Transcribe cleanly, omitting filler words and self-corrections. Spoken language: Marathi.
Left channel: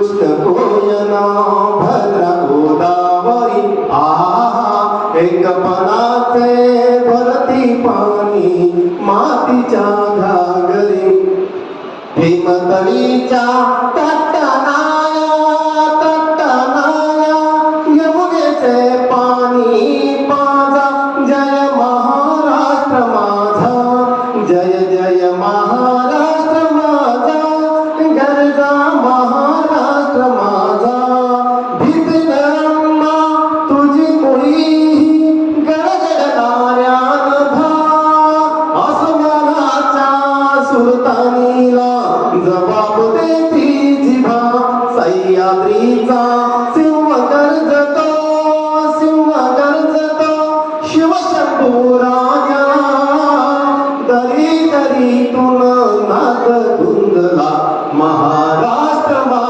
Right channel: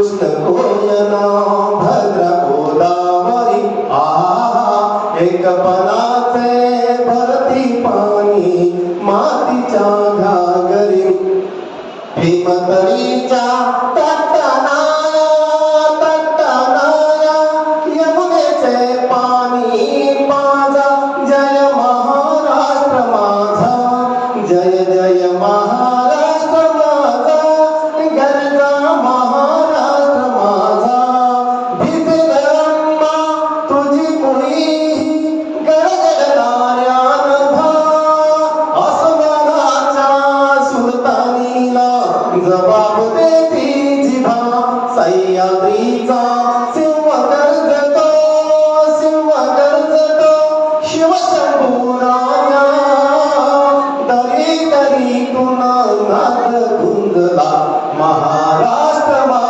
कृष्ण कोयना भद्रा गोदावरी आहा एकपणाचे भरती पाणी मातीच्या घागरी भीमतळीच्या तटनाया यमुनेचे पाणी माझा जय महाराष्ट्र माझा जय जय महाराष्ट्र माझा गरजा महाराष्ट्र माझा भीतीगरम्मा तुझी मुळी गडगडणाऱ्यान भा आसमानाच्या सुलतानीला जबाब देती जिभा सह्याद्री